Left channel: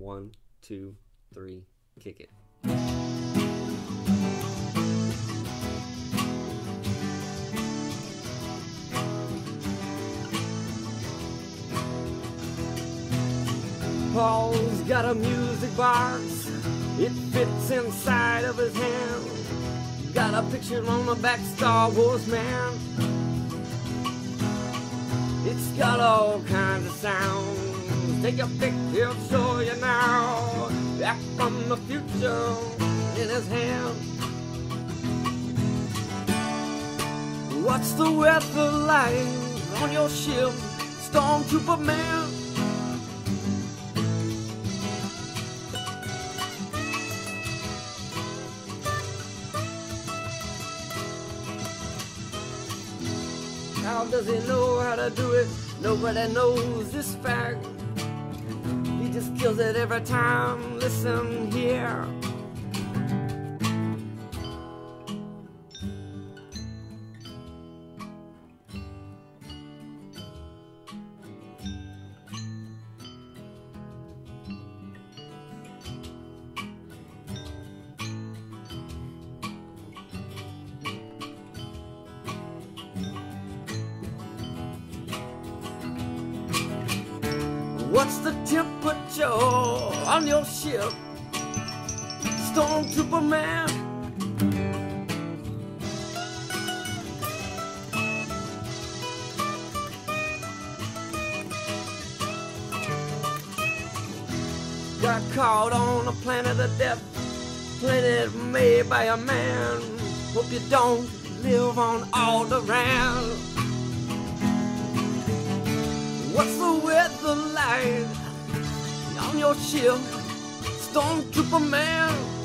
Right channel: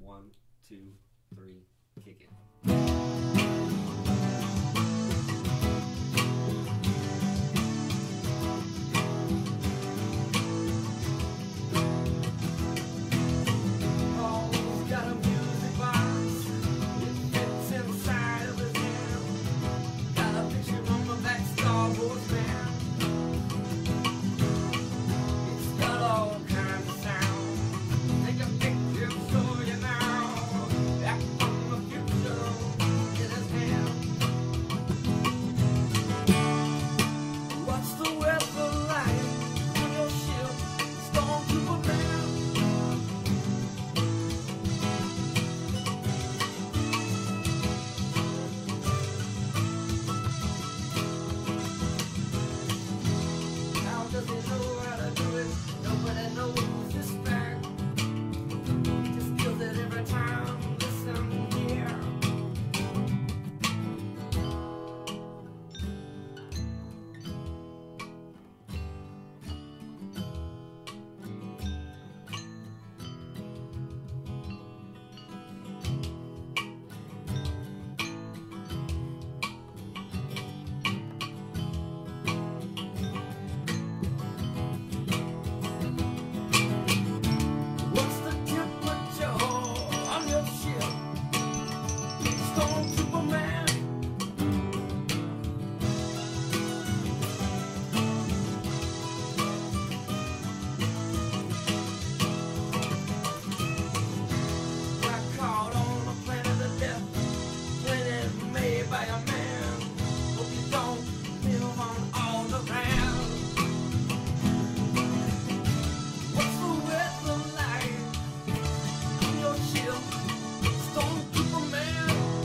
1, 2, 3, kick it. Paul's got a music box, it fits inside of his hand. Got a picture on the back, Star Wars man. It's got all kinds of sounds. Take a pic, he'll show you now. Back from the future in his hand. What's the weather like on your ship, Stormtrooper man? How does he know how to do it? Nobody knows this fact. He just kills it every time. Listen here. What's the temperature on your ship, Stormtrooper man? Got caught on a planet of death, planet made by a man. Hope you don't live on all the round. What's the weather like on your ship, Stormtrooper man?